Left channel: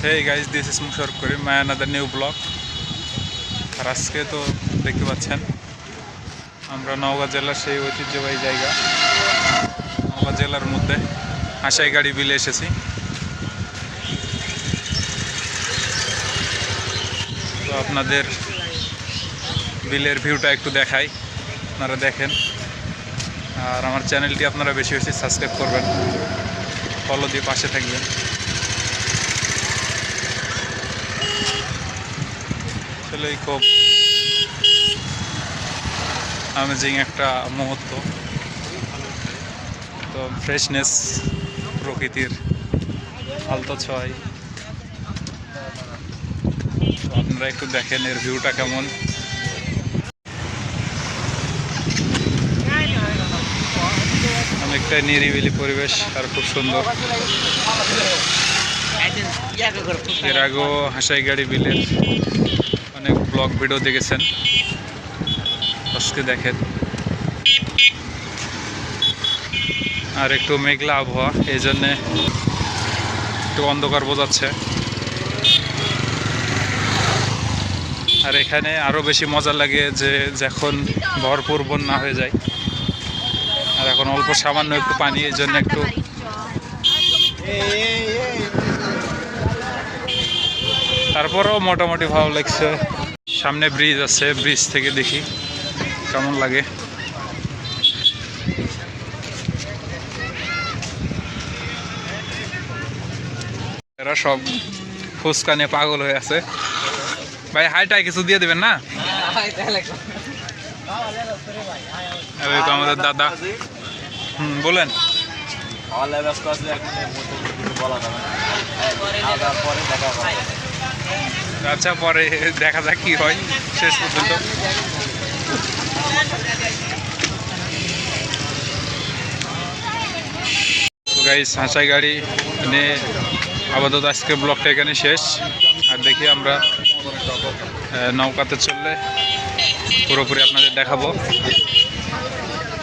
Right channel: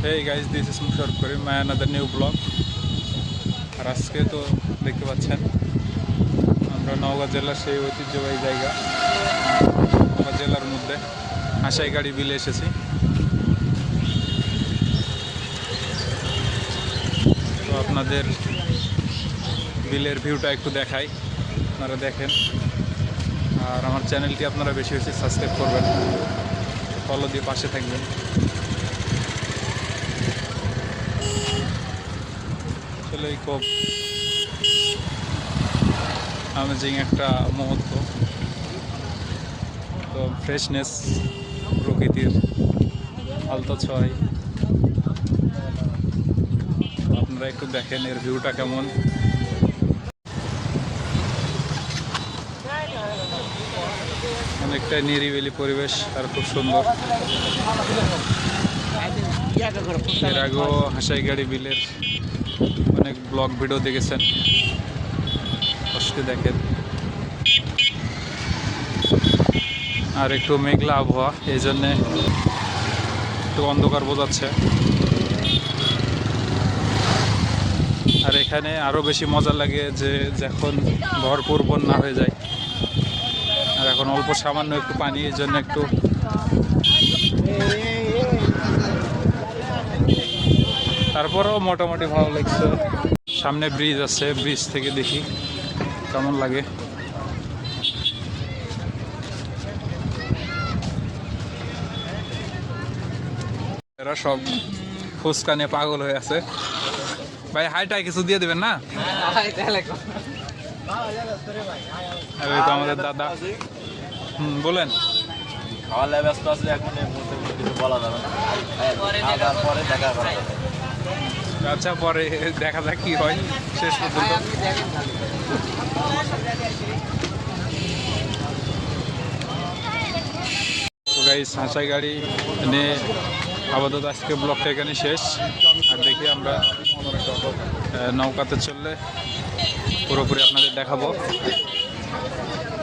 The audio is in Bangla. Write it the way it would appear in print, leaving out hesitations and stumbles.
Hey guys, this is Musharraf Karim, my another new vlog. আর আজকে তো দেখতে পাচ্ছেন আমরা নওগাঁ জেলার সেই ঐতিহ্যবাহী জায়গা নওগাঁ জেলার মধ্যে হাসাইগাড়ি বিলে এসেছি। তো আপনাদের বিলের ভিউটা একটু দেখাই, আপনারা দেখেন। আর আমার চ্যানেলটি আপনারা বেশি বেশি সাবস্ক্রাইব করবেন, ফলো দিয়ে পাশে থাকবেন। আসলে খুব অ্যামেজিং একটা মুহূর্ত। তো ফ্রেশনেস, প্রকৃতির আলতো ছোঁয়ায়। তো আপনারা একটু দেখেন এর ভিউটা কেমন। অনেকটা নিরিবিলি পরিবেশ আর খুব সুন্দর। এর আগেও হাসাইগাড়ি বিলের অনেক ব্লগ ভিডিও দেখেছেন, আজকে দেখেন। আর একটু মেঘলা আবহাওয়া, এই জন্যে একটু অন্ধকার বোঝাচ্ছে। আর এখানে আরও বেশি মজা লাগে যে যখন ভরপুর বন্যা হয়ে যায়, আর এখন অল্প সামান্য একটু পানি, এই জন্য একটু তারপরেও মোটামুটি ভালো লাগছে। সামনে ব্রিজ আছে, ব্রিজ থেকে দেখি কেমন লাগে। এরা সব ফুচকা নিয়ে পাগল হয়ে আছে। ভাই হাইটাই কিছু দিয়ে দেবেন না? আর এই তো আমাদের দাদা। বলেন। আচ্ছা, পরে দেখা যাক কি হয় শেষ পর্যন্ত। তো গাইস, হাসাইগাড়ি নিয়ে আপাতত আজকে ব্লগটা এখানে শেষ। আর দেখি আমরা নৌকাতে চললে পুরোপুরি আপনাদের দেখাবো।